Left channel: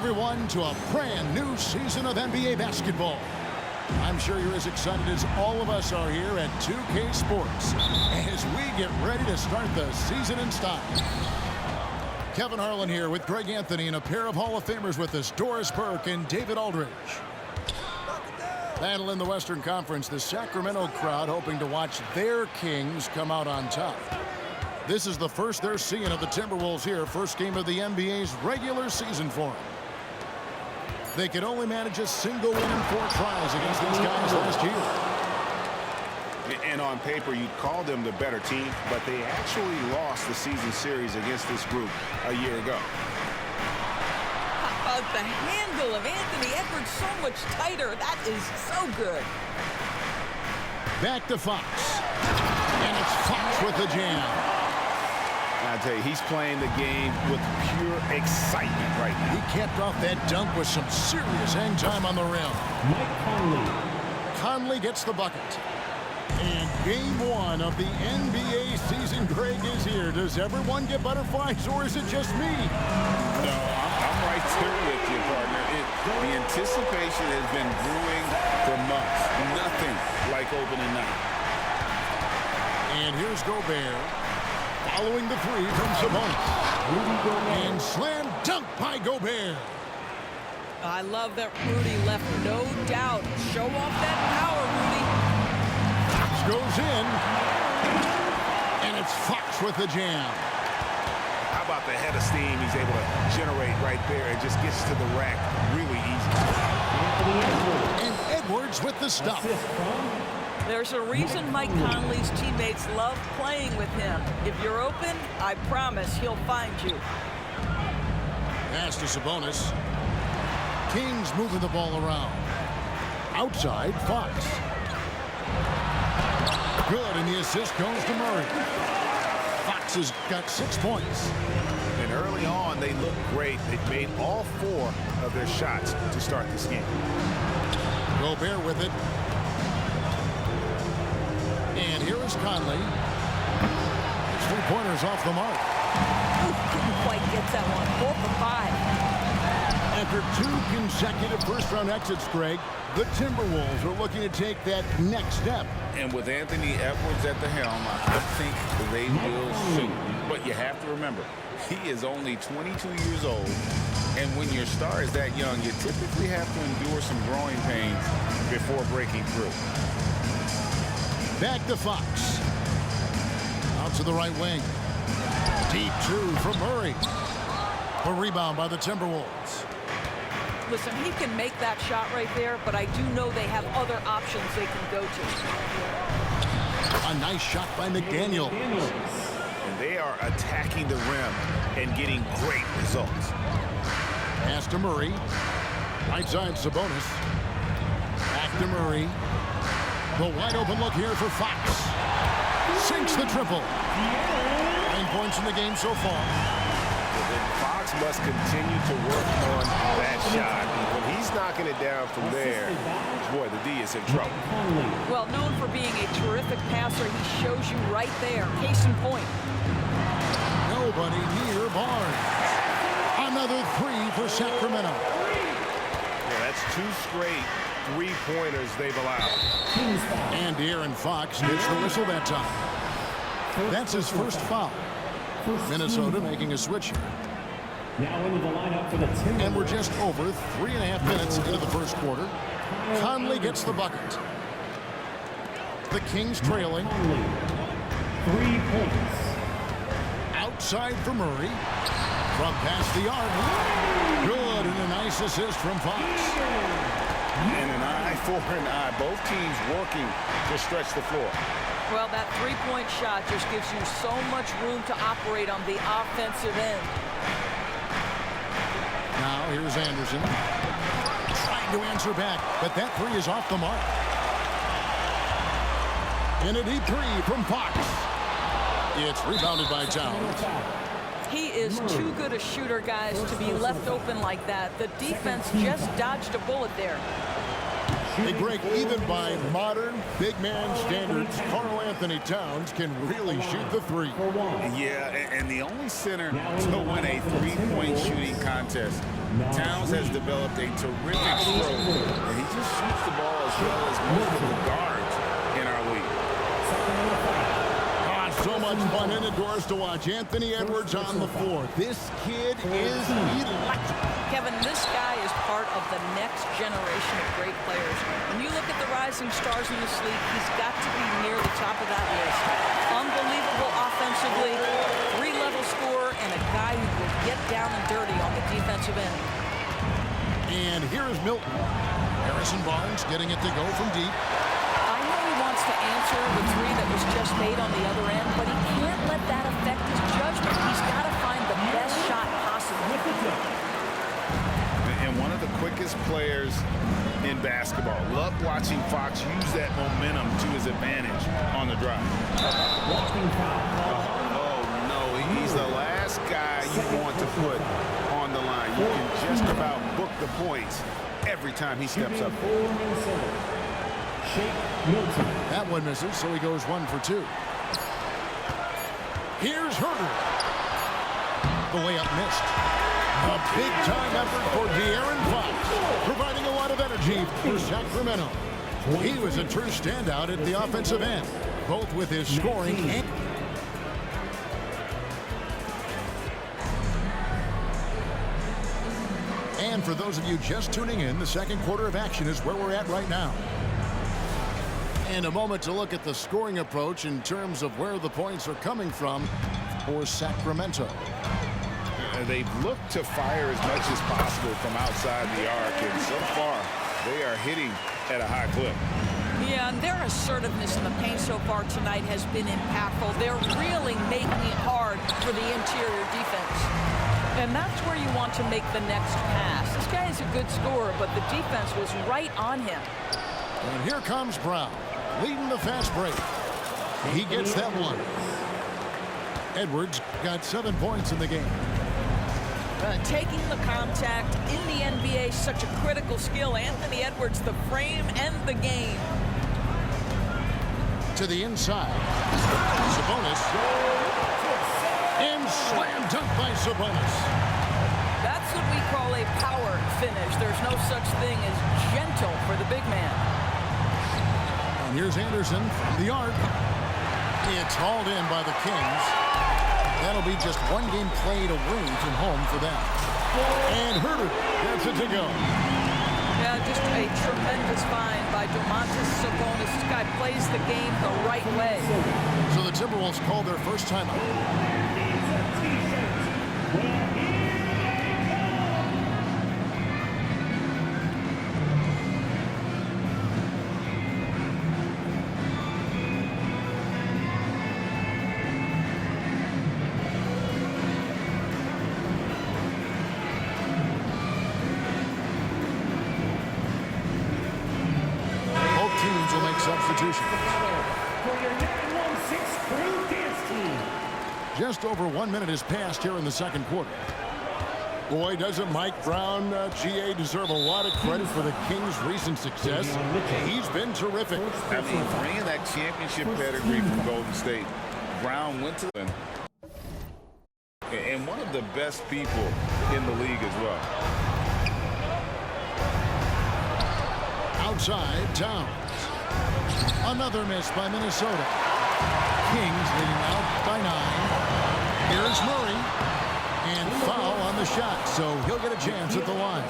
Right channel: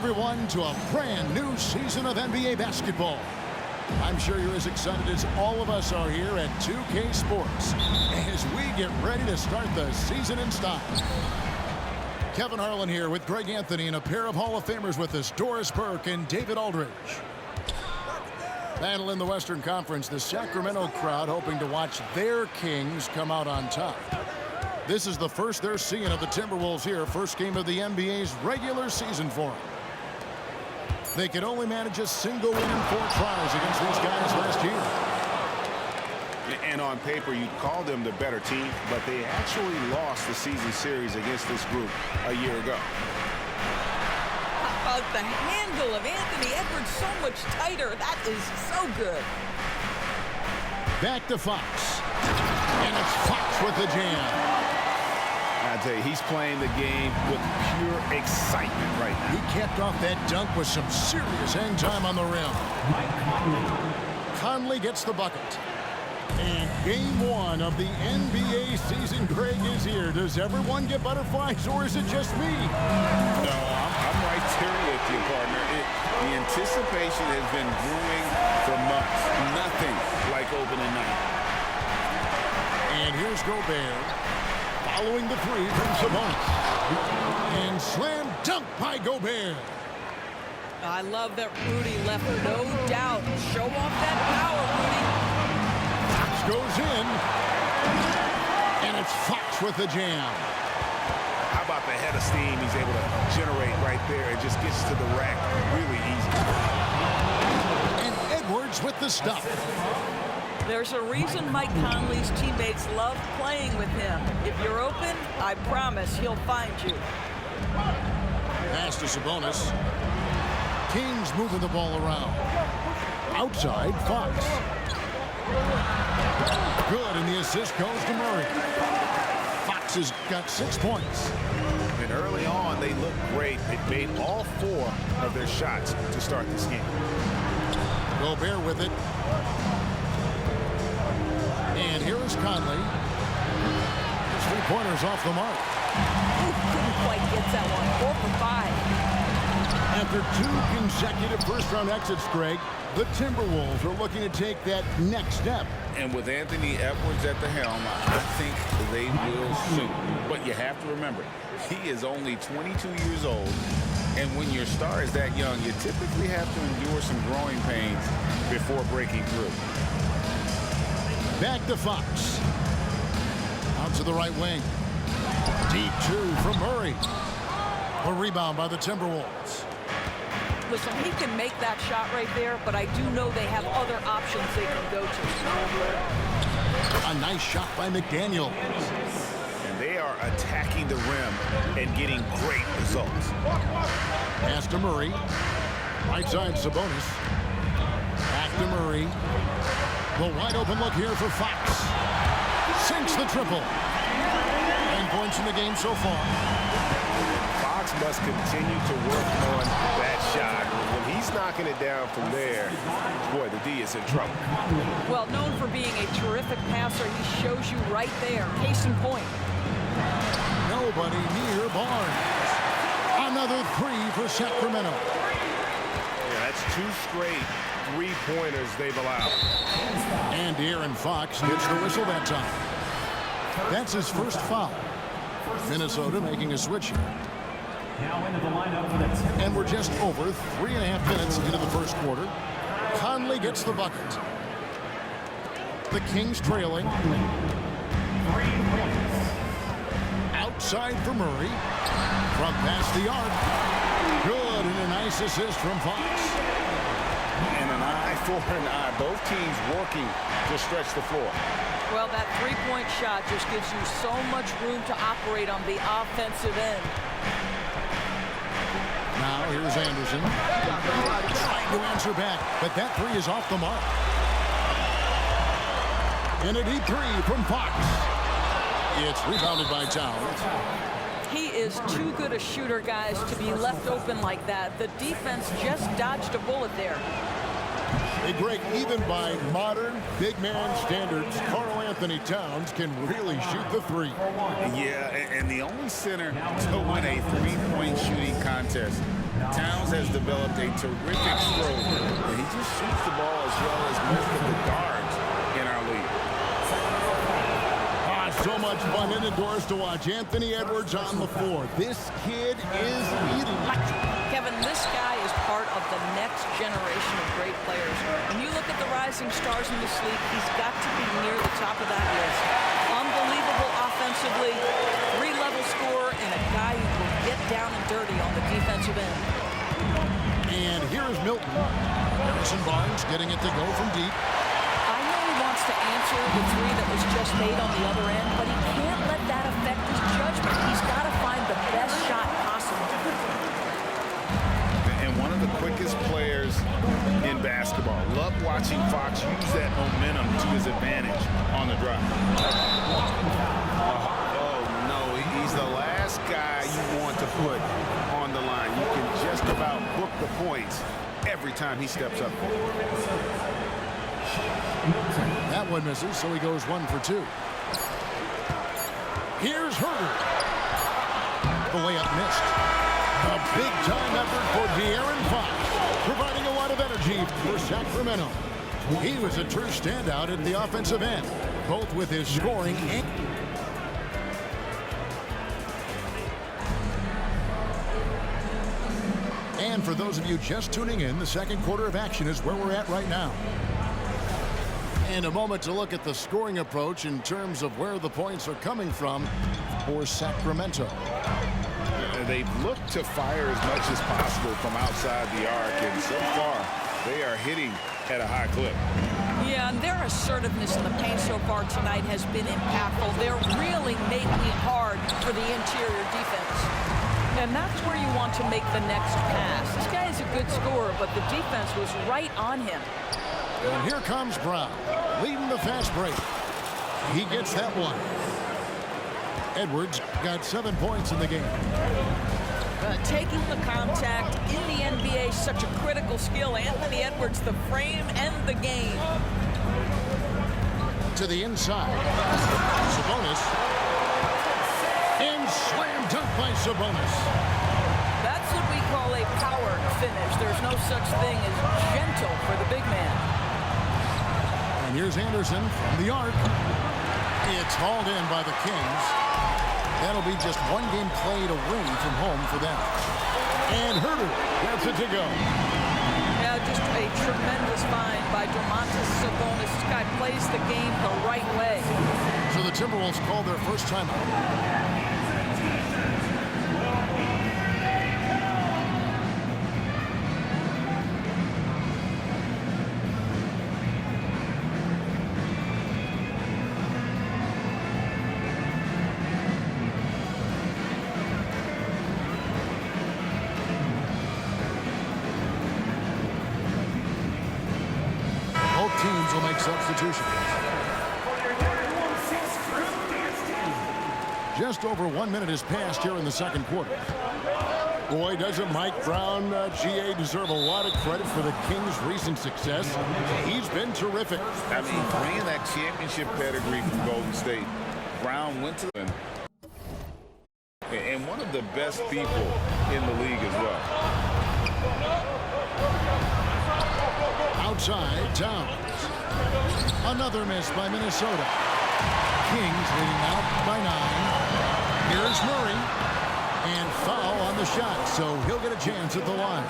everyone, to a brand new season of NBA basketball. I'm sure you're as excited as all of us are here at 2K Sports as we get ready to start the season in style. Kevin Harlan here with Greg Anthony and a pair of Hall of Famers with us, Doris Burke and David Aldridge. Battle in the Western Conference, the Sacramento crowd hoping to watch their Kings come out on top. This is the first they're seeing of the Timberwolves here, first game of the NBA's regular season for them. They could only manage a single win in 4 tries against these guys last year. And on paper, you'd call them the better team, but they actually lost the season series against this group a year ago. How about the handle of Anthony Edwards so much tighter? That is so good. Back to Fox. And it's Fox with the jam. I tell you, he's playing the game with pure excitement right now. He capped off that dunk with some serious hang time on the rim. Mike Conley. Conley gets the bucket. And game 1 of the NBA season, Greg, is here. Does everyone get butterflies, or is it just me? No, I'm right there with you, partner. The anticipation has been brewing for months. Nothing like opening night. And here's Gobert, following the 3 from Sabonis. And slam dunk by Gobert. I love that Rudy left no doubt. Show off that power, Rudy. Fox goes in, and it's Fox with the jam. How about the head of steam he's able to generate right there and just gets to the rack really easy. And Edwards with the stuff. There's a reason Mike Conley's teammates love playing with him. If you're open, I promise he'll find you. Pass to Sabonis. Kings moving the ball around. Outside, Fox. Good, and the assist goes to Murray. Fox has got 6 points. And early on, they looked great. They've made all 4 of their shots to start this game. Gobert with it. And here is Conley. His 3-pointers off the mark. Ooh, couldn't quite get that one. 4 for 5. After 2 consecutive first-round exits, Greg, the Timberwolves are looking to take that next step. And with Anthony Edwards at the helm, I think they will soon. But you have to remember, he is only 22 years old. And when your star is that young, you typically have to endure some growing pains before breaking through. Back to Fox. Out to the right wing. Deep 2 from Murray. A rebound by the Timberwolves. Listen, he can make that shot right there, but I do know they have other options they can go to. A nice shot by McDaniel. And they are attacking the rim and getting great results. Pass to Murray. Right side, Sabonis. Back to Murray. The wide open look here for Fox. Sinks the triple. 9 points in the game so far. Fox must continue to work on that shot. When he's knocking it down from there, boy, the D is in trouble. Well, known for being a terrific passer, he shows you right there. Case in point. Nobody near Barnes. Another 3 for Sacramento. Yeah, that's 2 straight 3-pointers they've allowed. And De'Aaron Fox gets the whistle that time. That's his first foul. Minnesota making a switch here. Now into the lineup for the Timberwolves. And we're just over 3.5 minutes into the first quarter. Conley gets the bucket. The Kings trailing. 3 points. Outside for Murray. From past the arc. Good, and a nice assist from Fox. And an eye for an eye. Both teams working to stretch the floor. Well, that 3-point shot just gives you so much room to operate on the offensive end. Now here's Anderson. Trying to answer back, but that 3 is off the mark. And a deep 3 from Fox. It's rebounded by Towns. He is too good a shooter, guys, to be left open like that. The defense just dodged a bullet there. Hey, Greg, even by modern big man standards, Karl Anthony Towns can really shoot the 3. Yeah, and the only center to win a 3-point shooting contest Towns has developed a terrific stroke, and he just shoots the ball as well as most of the guards in our league. So much fun indoors to watch Anthony Edwards on the floor. This kid is electric. Kevin, this guy is part of the next generation of great players. When you look at the rising stars in this league, he's got to be near the top of that list. Unbelievable offensively, three-level scorer, and a guy who will get down and dirty on the defensive end. And here is Milton. Harrison Barnes getting it to go from deep. I know he wants to answer the three that was just made on the other end, but he can't let that affect his judgment. He's got to find the best shot possible. And one of the quickest players in basketball. Love watching Fox use that momentum to his advantage on the drive. Oh, no. He's the last guy you want to put on the line. You can just about book the points every time he steps up there. That one misses, so he goes 1 for 2. Here's Herter. The layup missed. A big-time effort for De'Aaron Fox, providing a lot of energy for Sacramento. He was a true standout at the offensive end, both with his scoring and for those of you just tuning in, the second quarter of action is where we're at right now. And a moment to look at the scoring approach in terms of where the points are coming from for Sacramento. They've looked to fire as much as possible from outside the arc, and so far they are hitting at a high clip. Yeah, and their assertiveness in the paint so far tonight has been impactful. They're really making it hard for the interior defense. And that's where you want to make the next pass. This guy is a good scorer, but the defense was right on him. And here comes Brown, leading the fast break. He gets that one. Edwards got 7 points in the game. Taking the contact in the NBA is such a critical skill. Anthony Edwards, the frame and the game. To the inside. Sabonis. And slam dunk by Sabonis. That's what we call a power finish. There's no such thing as gentle for the big man. And here's Anderson from the arc. It's hauled in by the Kings. That'll be just one game played away from home for them. And Herter gets it to go. Yeah, just a tremendous find by Domantas Sabonis. This guy plays the game the right way. So the Timberwolves call their first timeout. Teams will make substitutions. Just over 1 minute has passed here in the second quarter. Boy, doesn't Mike Brown, GA, deserve a lot of credit for the Kings' recent success. He's been terrific. I mean, bringing that championship pedigree from Golden State, Brown went to them. And one of the best people in the league as well. Outside, Towns. Another miss by Minnesota. Kings leading out by 9. Here's Murray. And foul on the shot, so he'll get a chance at the line.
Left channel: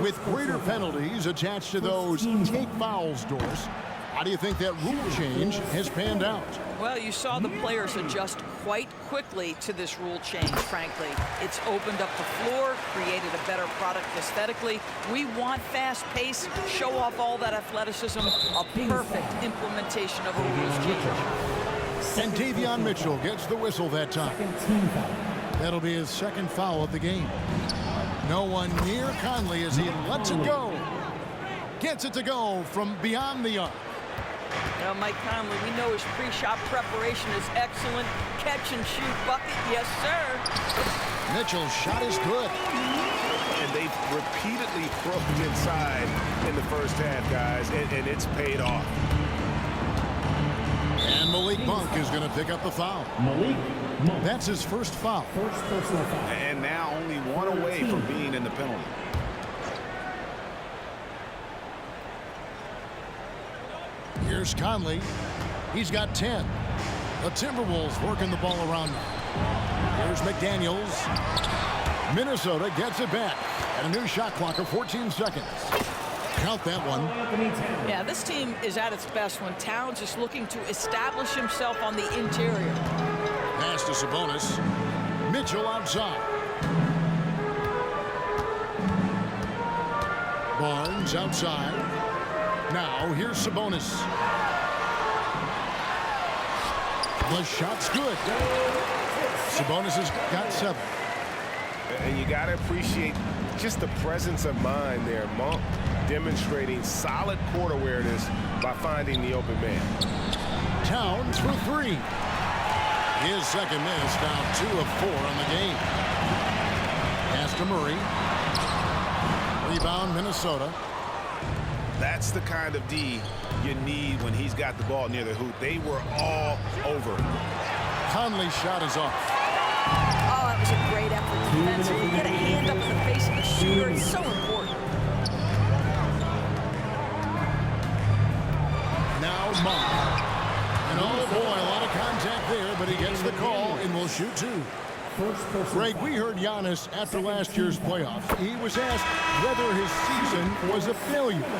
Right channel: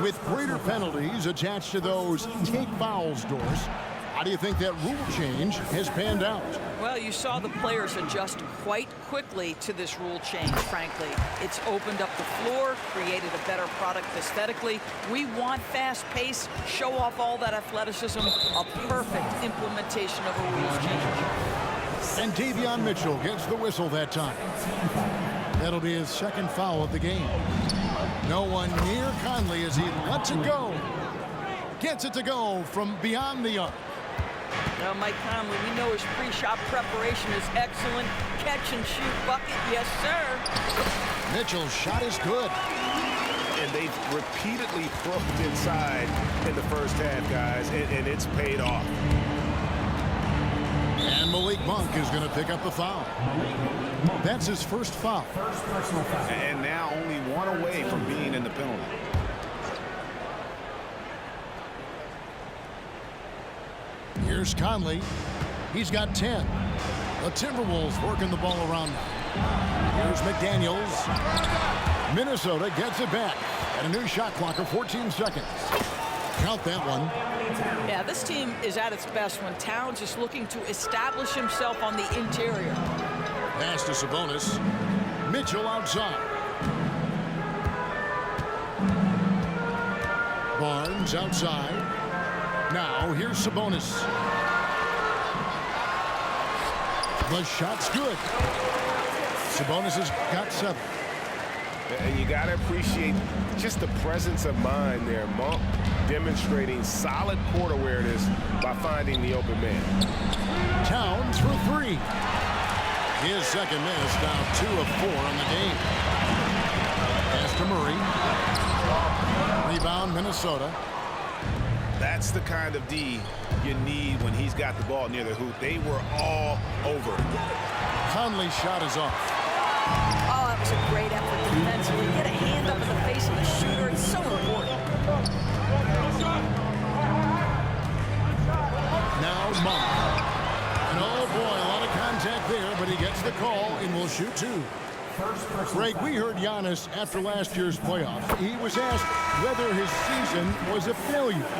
With greater penalties attached to those take fouls, Doris, how do you think that rule change has panned out? Well, you saw the players adjust quite quickly to this rule change, frankly. It's opened up the floor, created a better product aesthetically. We want fast pace, show off all that athleticism, a perfect implementation of a rules change. And Davion Mitchell gets the whistle that time. That'll be his second foul of the game. No one near Conley as he lets it go. Gets it to go from beyond the arc. Now, Mike Conley, we know his pre-shot preparation is excellent. Catch and shoot bucket, yes, sir. Mitchell's shot is good. And they've repeatedly probed inside in the first half, guys, and it's paid off. And And Malik Monk is going to pick up the foul. Malik Monk. That's his first foul. First personal foul. And now only one away from being in the penalty. Here's Conley. He's got 10. The Timberwolves working the ball around now. Here's McDaniels. Minnesota gets it back. And a new shot clock of 14 seconds. Count that one. Yeah, this team is at its best when Towns is looking to establish himself on the interior. Pass to Sabonis. Mitchell outside. Barnes outside. Now here's Sabonis. The shot's good. Sabonis has got 7. And you got to appreciate just the presence of mind there. Monk demonstrating solid court awareness by finding the open man. Towns for 3. His second miss, now 2 of 4 on the game. Pass to Murray. Rebound, Minnesota. That's the kind of D you need when he's got the ball near the hoop. They were all over it. Conley's shot is off. Oh, that was a great effort defensively. Get a hand up in the face of the shooter. It's so important. Now Monk. And oh boy, a lot of contact there, but he gets the call and will shoot 2. Greg, we heard Giannis after last year's playoffs. He was asked whether his season was a failure.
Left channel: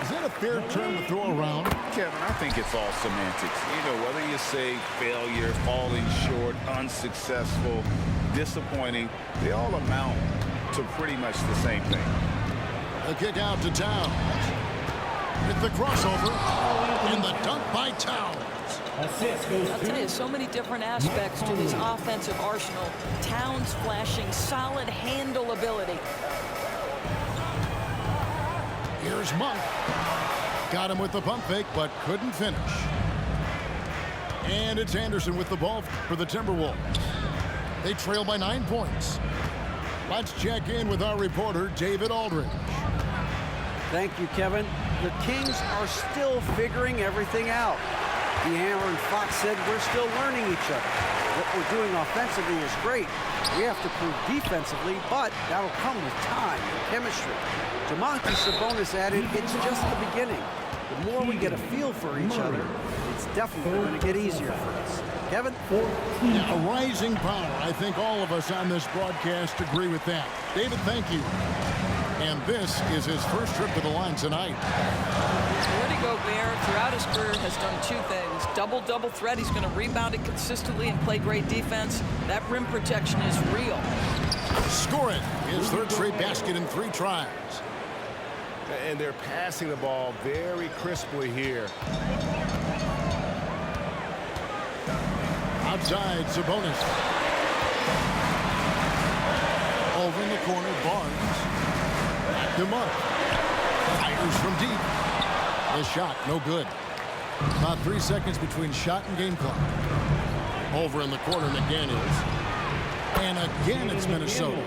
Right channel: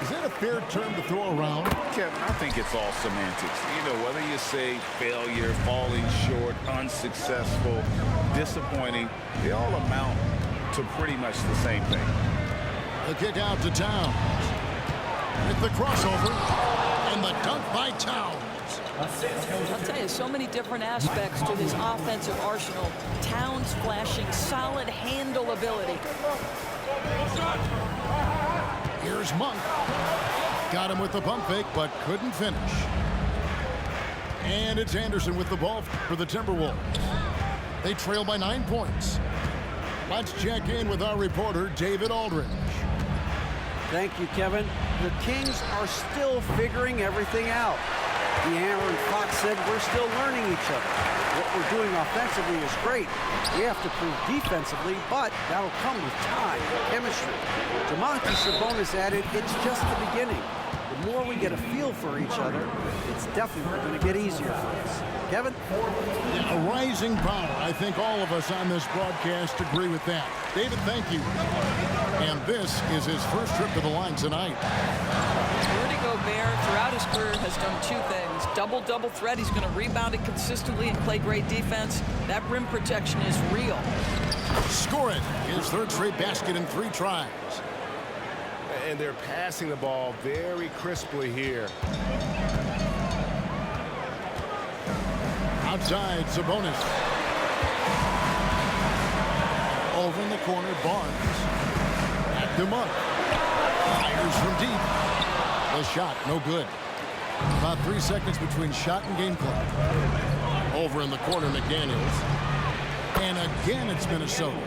Is that a fair term to throw around? Kevin, I think it's all semantics. You know, whether you say failure, falling short, unsuccessful, disappointing, they all amount to pretty much the same thing. The kick out to Towns. Hit the crossover. And the dunk by Towns. I'll tell you, so many different aspects to his offensive arsenal. Towns flashing solid handle ability. Here's Monk. Got him with the pump fake, but couldn't finish. And it's Anderson with the ball for the Timberwolves. They trail by 9 points. Let's check in with our reporter, David Aldridge. Thank you, Kevin. The Kings are still figuring everything out. De'Aaron Fox said we're still learning each other. What we're doing offensively is great. We have to prove defensively, but that'll come with time and chemistry. Domantas Sabonis added, it's just the beginning. The more we get a feel for each other, it's definitely going to get easier for us. Kevin? Yeah, a rising power. I think all of us on this broadcast agree with that. David, thank you. And this is his first trip to the line tonight. Rudy Gobert, throughout his career, has done 2 things. Double threat. He's going to rebound it consistently and play great defense. That rim protection is real. Score it. His 3rd straight basket in 3 tries. And they're passing the ball very crisply here. Outside, Sabonis. Over in the corner, Barnes. Back to Monk. Fires from deep. The shot, no good. About 3 seconds between shot and game clock. Over in the corner, McDaniels. And again, it's Minnesota.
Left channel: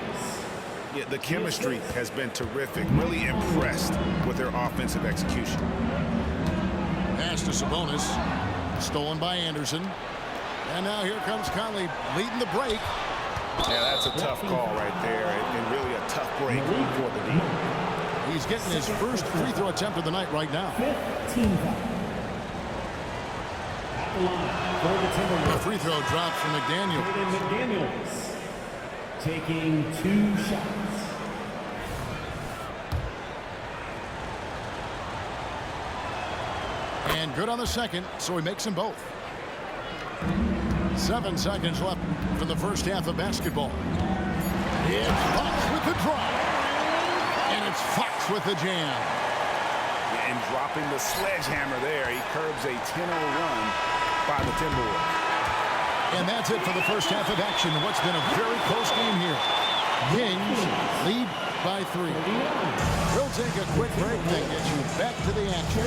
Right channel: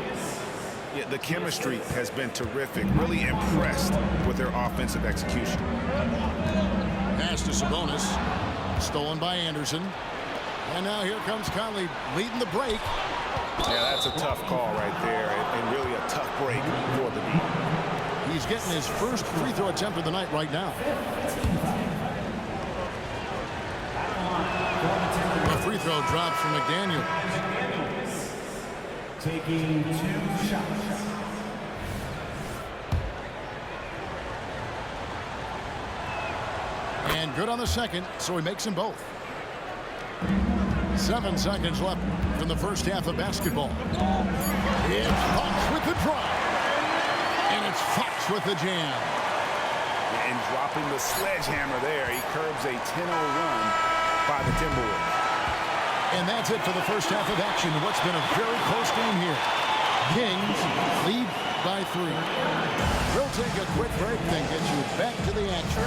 Yeah, the chemistry has been terrific. Really impressed with their offensive execution. Pass to Sabonis. Stolen by Anderson. And now here comes Conley leading the break. Yeah, that's a tough call right there, and really a tough break for the D. He's getting his first free throw attempt of the night right now. 15 foul. At the line for the Timberwolves. The free throw drops from McDaniel. McDaniels taking 2 shots. And good on the second, so he makes them both. 7 seconds left from the first half of basketball. It's Fox with the drive. And it's Fox with the jam. And dropping the sledgehammer there, he curbs a 10-0 run by the Timberwolves. And that's it for the first half of action. What's been a very close game here. Kings lead by 3. We'll take a quick break, then get you back to the action.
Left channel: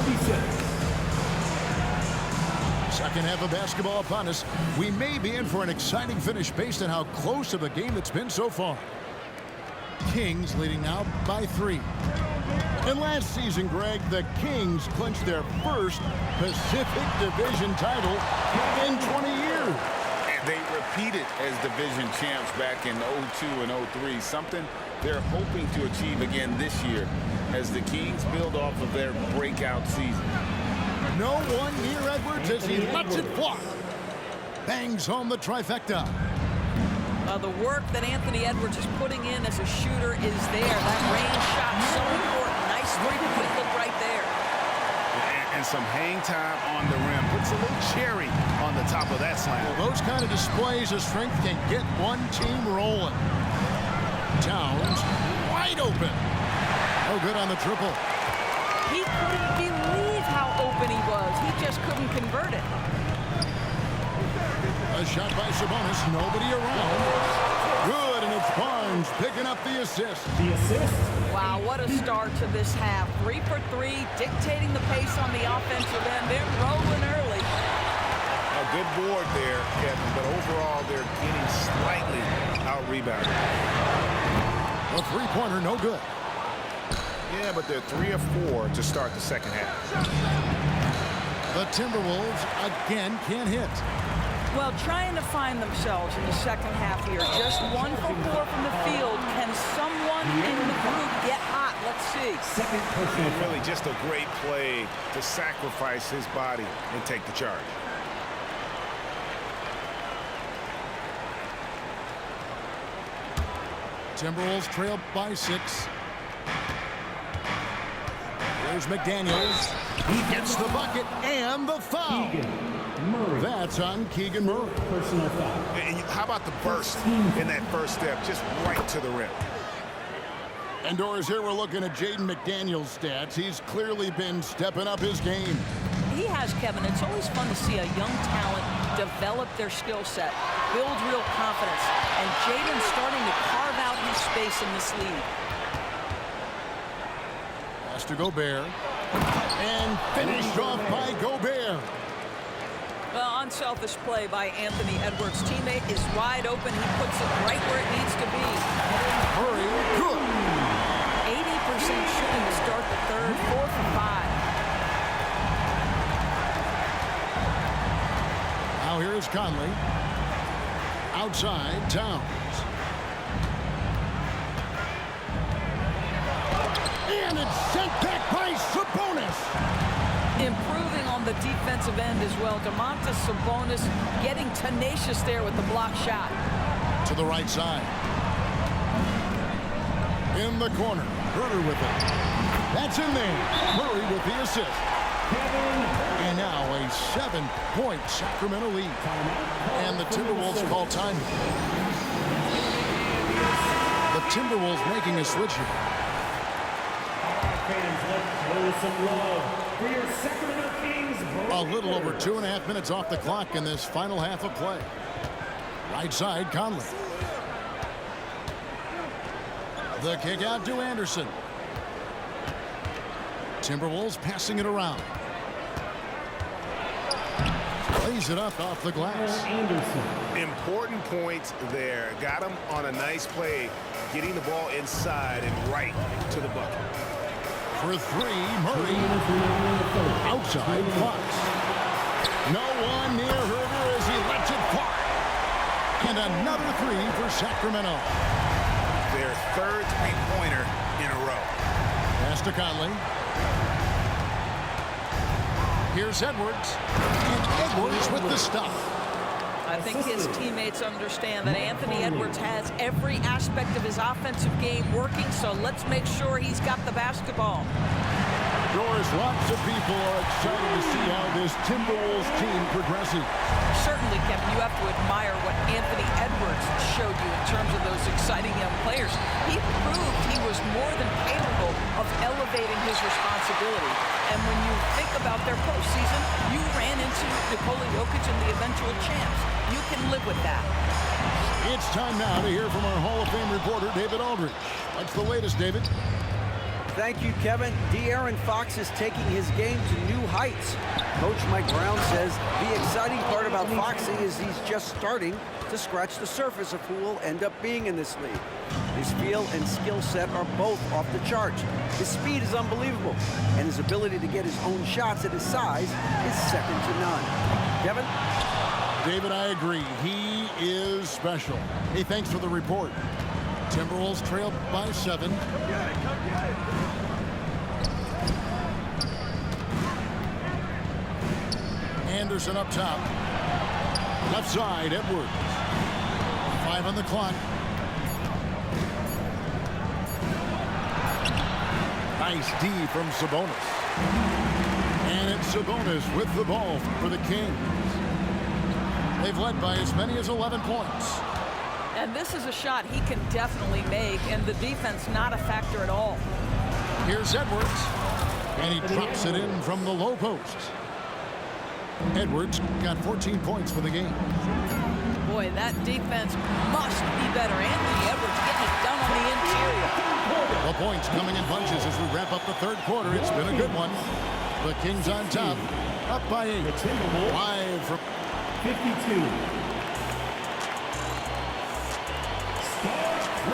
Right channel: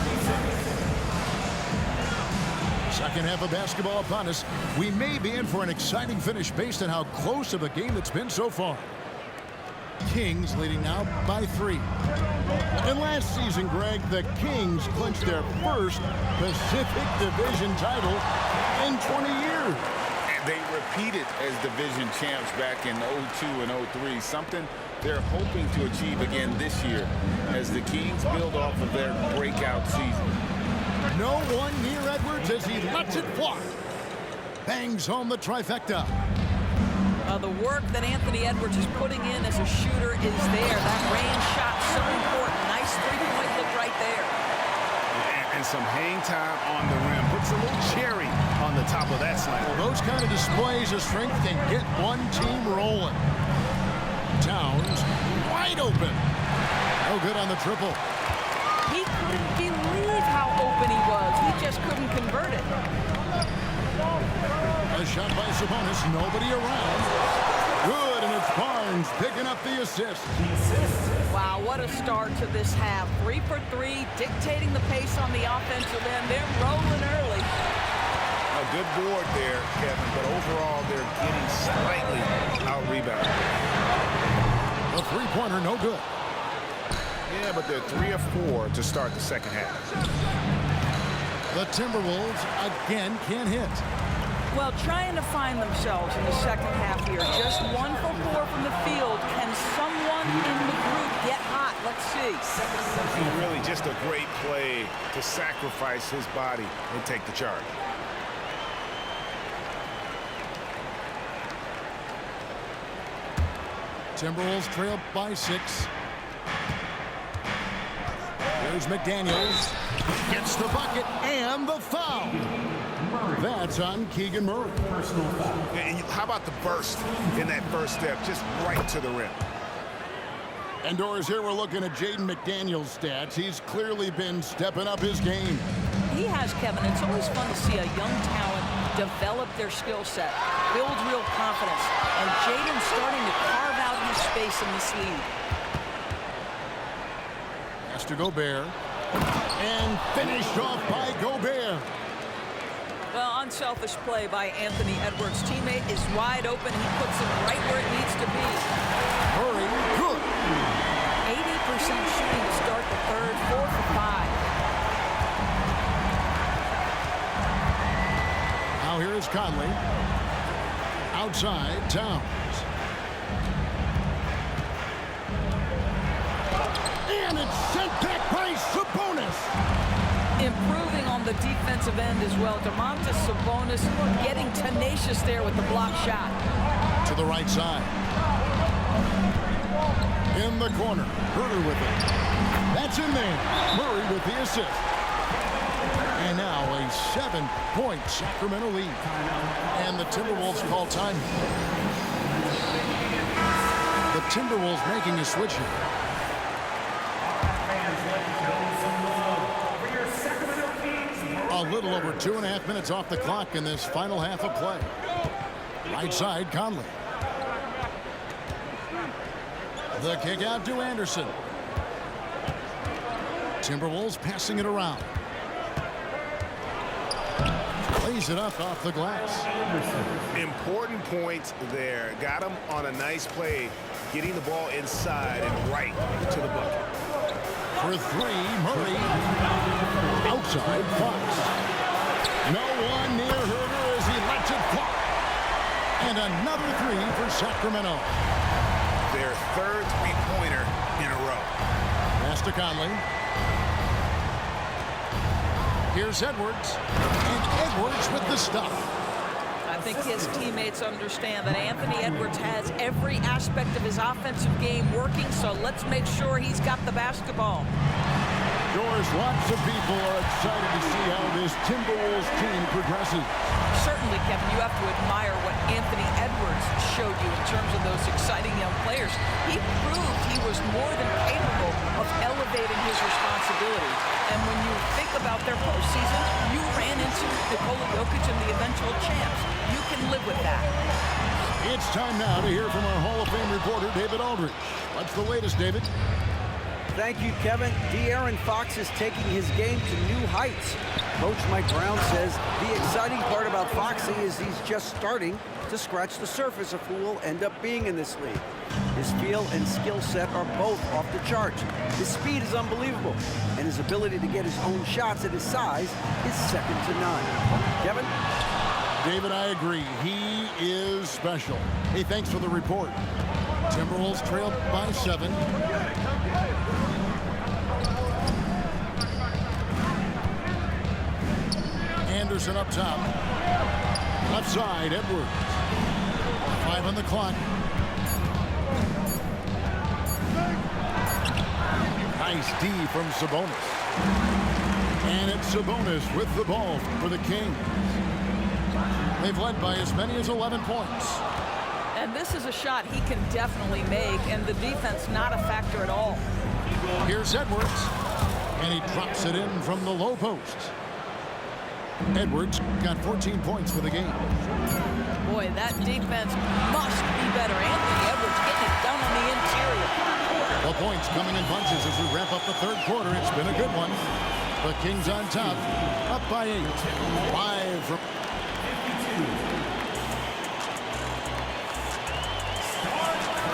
Second half of basketball upon us. We may be in for an exciting finish based on how close of a game it's been so far. Kings leading now by 3. And last season, Greg, the Kings clinched their first Pacific Division title in 20 years. And they repeated as division champs back in 02 and 03, something they're hoping to achieve again this year as the Kings build off of their breakout season. No one near Edwards as he lets it fly. Bangs home the trifecta. The work that Anthony Edwards is putting in as a shooter is there. That range shot so important. Nice three-point look right there. And some hang time on the rim. Puts a little cherry on the top of that slam. Well, those kind of displays of strength can get one team rolling. Towns wide open. No good on the triple. He couldn't believe how open he was. He just couldn't convert it. A shot by Sabonis, nobody around. Good, and it's Barnes picking up the assist. The assist. Wow, what a start to this half. 3 for 3, dictating the pace on the offensive end. They're rolling early. A good board there, Kevin, but overall they're getting slightly out-rebounded. A three-pointer, no good. Yeah, but they're 3 of 4 to start the second half. The Timberwolves again can't hit. Well, trying to find themselves in the second half here. Just 1 for 4 from the field. Can someone in the group get hot? Let's see. Second personal And really just a great play to sacrifice his body and take the charge. Timberwolves trail by 6. Here's McDaniels. He gets the bucket and the foul. Murray. That's on Keegan Murray. Personal foul. And how about the burst in that first step, just right to the rim? And Doris, here we're looking at Jaden McDaniels' stats. He's clearly been stepping up his game. He has, Kevin. It's always fun to see a young talent develop their skill set, build real confidence, and Jaden's starting to carve out his space in this league. Pass to Gobert. And finished off by Gobert. Well, unselfish play by Anthony Edwards. Teammate is wide open. He puts it right where it needs to be. Murray, good. 80% shooting to start the third, 4 for 5. Now here is Conley. Outside, Towns. And it's sent back by Sabonis. Improving on the defensive end as well. Domantas Sabonis getting tenacious there with the block shot. To the right side. In the corner. Herter with it. That's in there. Murray with the assist. And now a 7-point Sacramento lead. And the Timberwolves call time. The Timberwolves making a switch here. Fans, let's show some love for your Sacramento Kings. A little over 2.5 minutes off the clock in this final half of play. Right side, Conley. The kick out to Anderson. Timberwolves passing it around. Lays it up off the glass. Anderson. Important point there. Got him on a nice play, getting the ball inside and right to the bucket. For 3, Murray. Outside, Fox. No one near Herter as he lets it fly. And another 3 for Sacramento. Their third three-pointer in a row. Pass to Conley. Here's Edwards. And Edwards with the stuff. I think his teammates understand that Anthony Edwards has every aspect of his offensive game working, so let's make sure he's got the basketball. Doris, lots of people are excited to see how this Timberwolves team progresses. Certainly, Kevin, you have to admire what Anthony Edwards showed you in terms of those exciting young players. He proved he was more than capable of elevating his responsibility. And when you think about their postseason, you ran into Nikola Jokic and the eventual champs. You can live with that. It's time now to hear from our Hall of Fame reporter, David Aldridge. What's the latest, David? Thank you, Kevin. De'Aaron Fox is taking his game to new heights. Coach Mike Brown says the exciting part about Foxy is he's just starting to scratch the surface of who will end up being in this league. His feel and skill set are both off the charts. His speed is unbelievable, and his ability to get his own shots at his size is second to none. Kevin? David, I agree. He is special. Hey, thanks for the report. Timberwolves trail by 7. Anderson up top. Left side, Edwards. 5 on the clock. Nice D from Sabonis. And it's Sabonis with the ball for the Kings. They've led by as many as 11 points. And this is a shot he can definitely make, and the defense not a factor at all. Here's Edwards. And he drops it in from the low post. Edwards got 14 points for the game. Boy, that defense must be better. Anthony Edwards getting it done on the interior. The points coming in bunches as we wrap up the third quarter. It's been a good one. The Kings on top, up by 8. 5 from 52.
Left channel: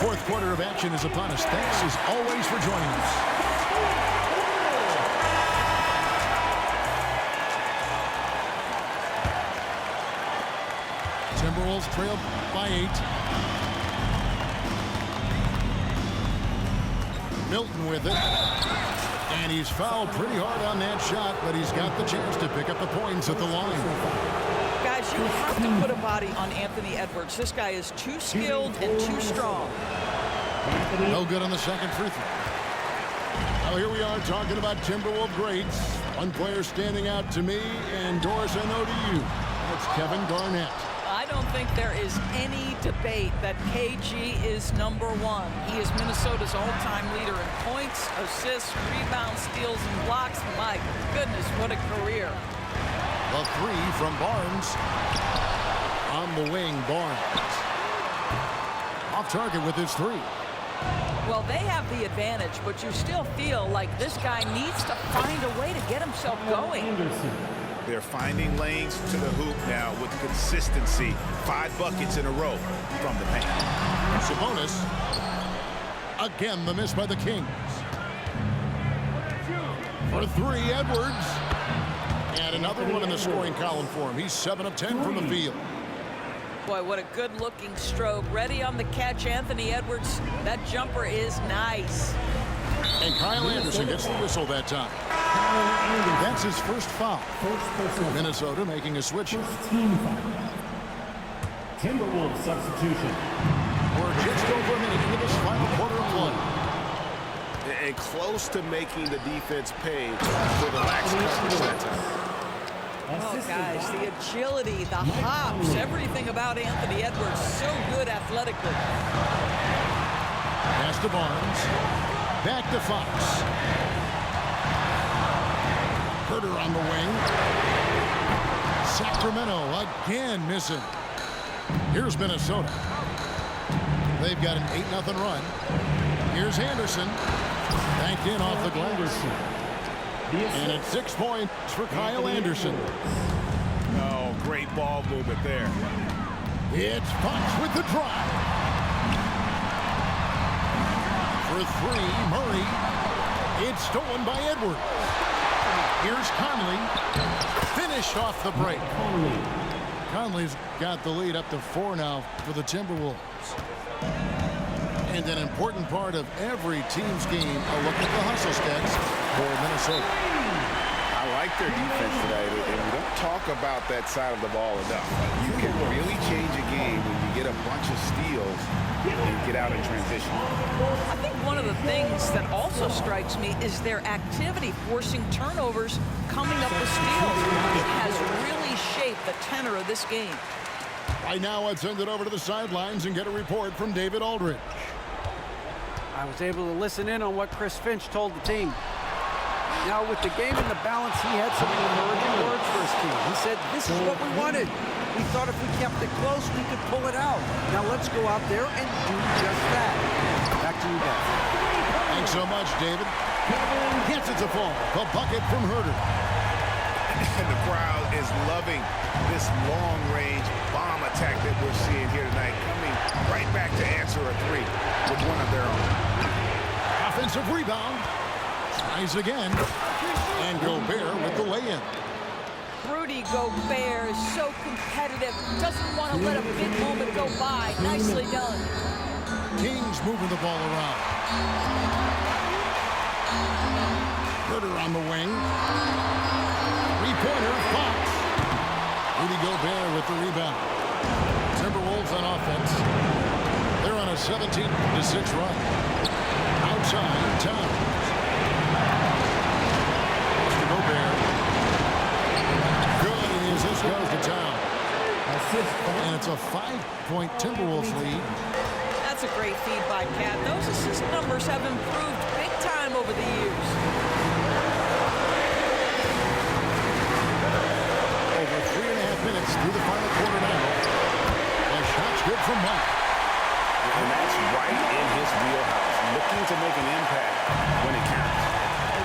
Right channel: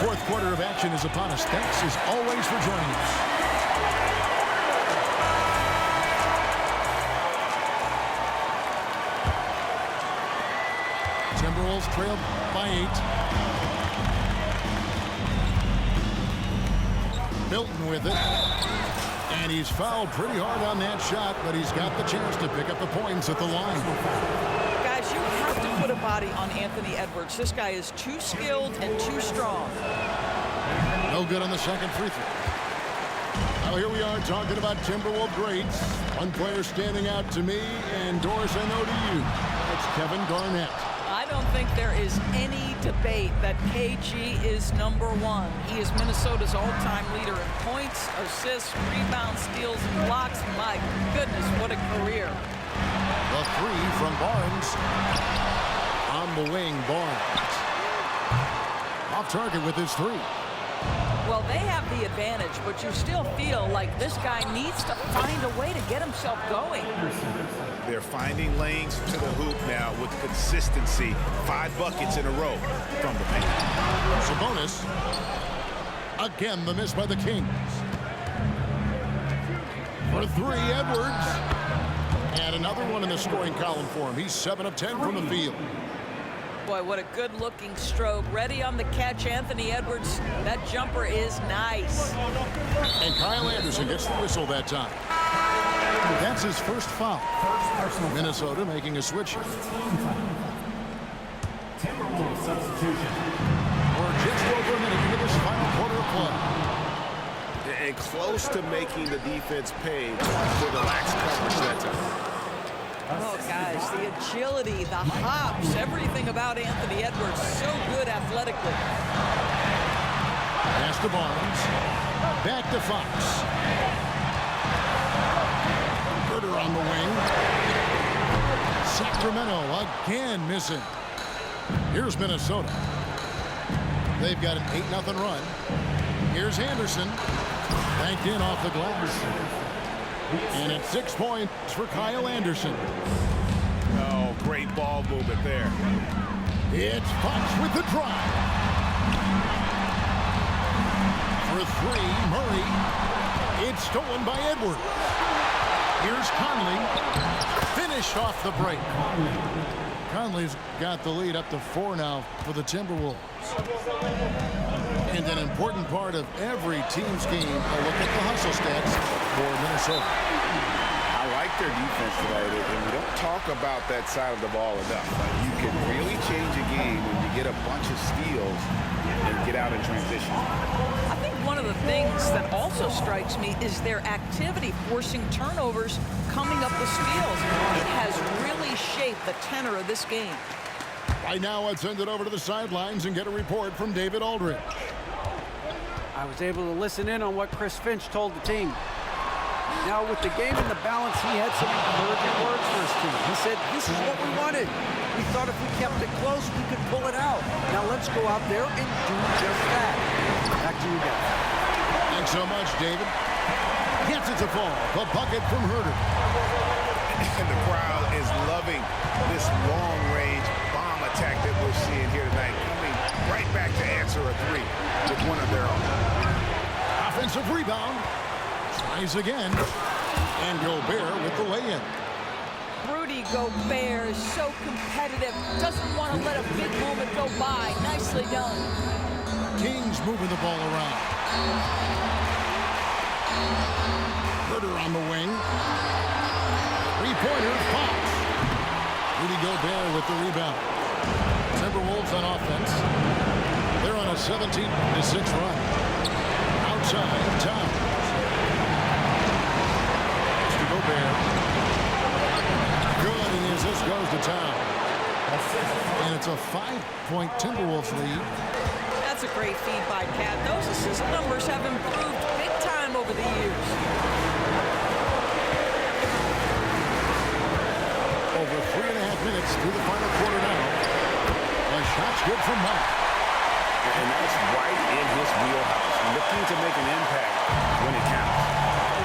fourth quarter of action is upon us. Thanks as always for joining us. Timberwolves trail by 8. Milton with it. And he's fouled pretty hard on that shot, but he's got the chance to pick up the points at the line. Guys, you have to put a body on Anthony Edwards. This guy is too skilled and too strong. No good on the second free throw. Well, here we are talking about Timberwolves greats. One player standing out to me, and Doris, I know to you. That's Kevin Garnett. I don't think there is any debate that KG is #1. He is Minnesota's all-time leader in points, assists, rebounds, steals, and blocks. My goodness, what a career. The 3 from Barnes. On the wing, Barnes. Off target with his 3. Well, they have the advantage, but you still feel like this guy needs to find a way to get himself going. They're finding lanes to the hoop now with consistency. 5 buckets in a row from the paint. Sabonis. Again, the miss by the Kings. For 3, Edwards. And another one in the scoring column for him. He's 7 of 10 from the field. Boy, what a good-looking stroke. Ready on the catch, Anthony Edwards. That jumper is nice. And Kyle Anderson gets the whistle that time. That's his first foul. First personal Minnesota making a switch. First team foul. Timberwolves substitution. We're just over a minute into this final quarter of play. And close to making the defense pay for the lax coverage that time. Oh, guys, the agility, the hops, everything about Anthony Edwards, so good athletically. Pass to Barnes. Back to Fox. Herter on the wing. Sacramento again missing. Here's Minnesota. They've got an 8-0 run. Here's Anderson. Banked in off the glass. And it's 6 points for Kyle Anderson. Oh, great ball movement there. It's Fox with the drive. For 3, Murray. It's stolen by Edwards. Here's Conley. Finished off the break. Conley's got the lead up to 4 now for the Timberwolves. And an important part of every team's game, a look at the hustle stats for Minnesota. I like their defense today, and we don't talk about that side of the ball enough. Like, you can really change a game when you get a bunch of steals and get out in transition. I think one of the things that also strikes me is their activity forcing turnovers coming up with steals. It has really shaped the tenor of this game. Right now, let's send it over to the sidelines and get a report from David Aldridge. I was able to listen in on what Chris Finch told the team. Now, with the game in the balance, he had some encouraging words for his team. He said, this is what we wanted. We thought if we kept it close, we could pull it out. Now let's go out there and do just that. Back to you guys. Thanks so much, David. Gets it to fall. The bucket from Herter. And the crowd is loving this long-range bomb attack that we're seeing here tonight, coming right back to answer a three with one of their own. Offensive rebound. Tries again. And Gobert with the lay-in. Rudy Gobert is so competitive. Doesn't want to let a big moment go by. Nicely done. Kings moving the ball around. Herter on the wing. Three-pointer, Fox. Rudy Gobert with the rebound. Timberwolves on offense. They're on a 17-6 run. Outside, Towns. Mr. Gobert. Good, and the assist goes to Towns. And it's a 5-point Timberwolves lead. That's a great feed by Cat. Those assist numbers have improved big time over the years. Over 3.5 minutes through the final quarter now. The shot's good from Monk. And that's right in his wheelhouse, looking to make an impact when it counts.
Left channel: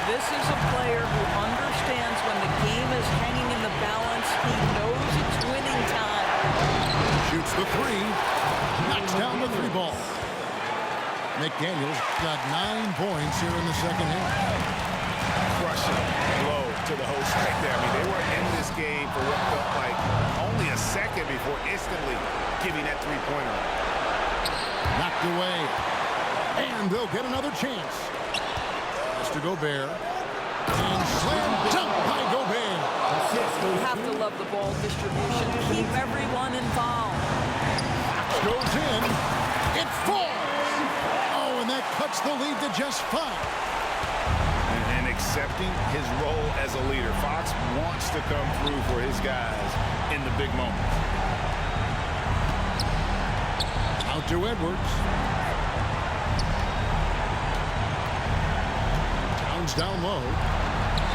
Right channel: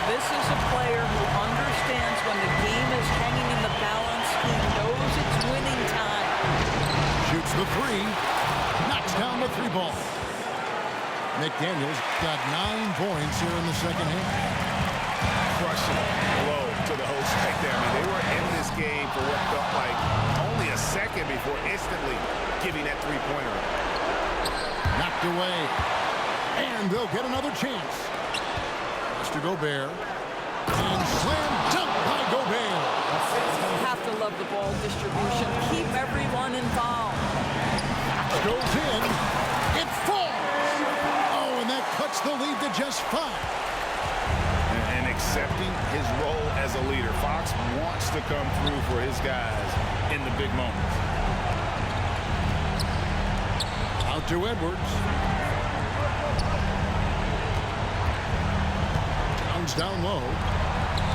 This is a player who understands when the game is hanging in the balance. He knows it's winning time. Shoots the three. Knocks down the three ball. McDaniels got 9 points here in the second half. Crushing blow to the host right there. I mean, they were in this game for what felt like only a second before instantly giving that three-pointer up. Knocked away. And they'll get another chance. Mr. Gobert. And slam dunk by Gobert. You have to love the ball distribution. Keep everyone involved. Fox goes in. It falls. Oh, and that cuts the lead to just 5. And accepting his role as a leader. Fox wants to come through for his guys in the big moments. Out to Edwards. Towns down low.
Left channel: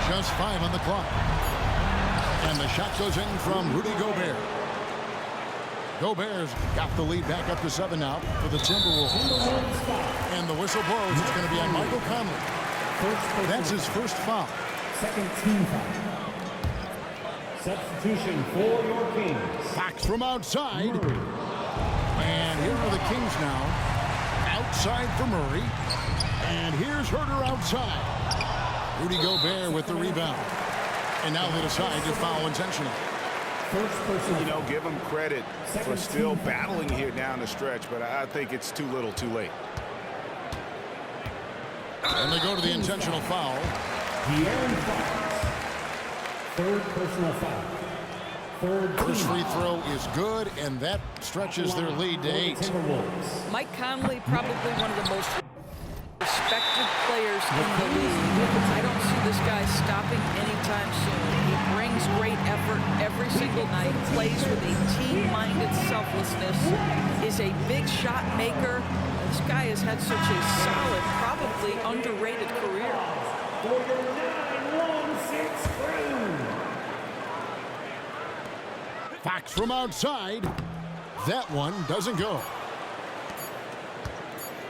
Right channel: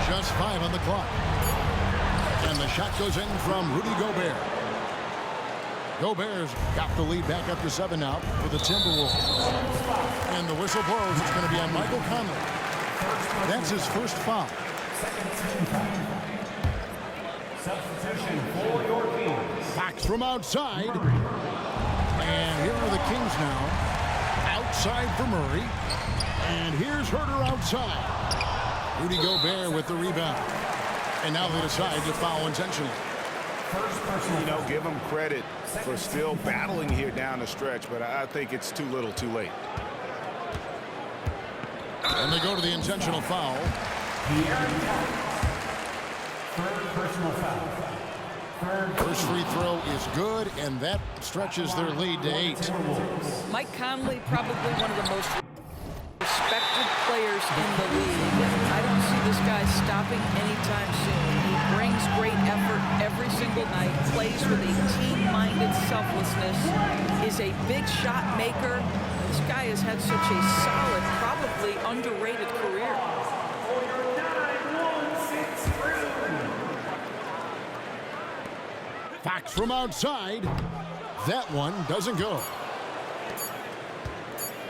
Just 5 on the clock. And the shot goes in from Rudy Gobert. Gobert's got the lead back up to 7 now for the Timberwolves. And the whistle blows. It's going to be on Michael Conley. That's his first foul. Second team foul. Substitution for your Kings. Fox from outside. And here are the Kings now. Outside for Murray. And here's Herter outside. Rudy Gobert with the rebound. And now they decide to foul intentionally. First person. You know, give them credit for still battling here down the stretch, but I think it's too little too late. And they go to the intentional foul. Third personal foul. First free throw is good, and that stretches their lead to 8. Mike Conley, probably one of the most respected players in the league. I don't see this guy stopping anytime soon. He brings great effort every single night, plays with a team-minded selflessness, is a big shot maker. This guy has had such a solid, probably underrated career. For your 9-1-6 crew. Fox from outside. That one doesn't go.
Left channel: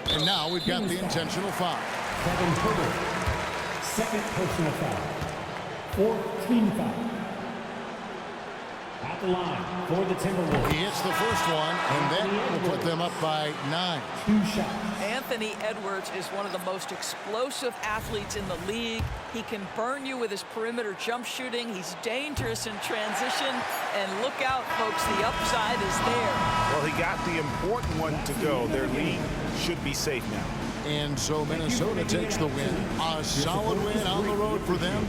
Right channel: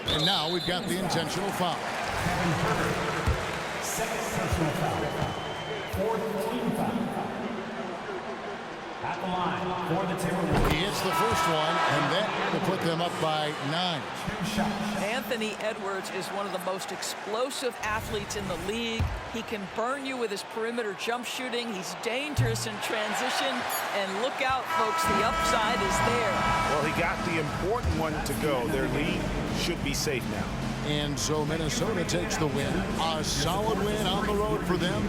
And now we've got the intentional foul. Kevin Herter. Second personal foul. Fourth team foul. At the line for the Timberwolves. He hits the first one, and that will put them up by 9. 2 shots. Anthony Edwards is one of the most explosive athletes in the league. He can burn you with his perimeter jump shooting. He's dangerous in transition. And look out, folks, the upside is there. Well, he got the important one to go. Their lead should be safe now. And so Minnesota takes the win. A solid win on the road for them.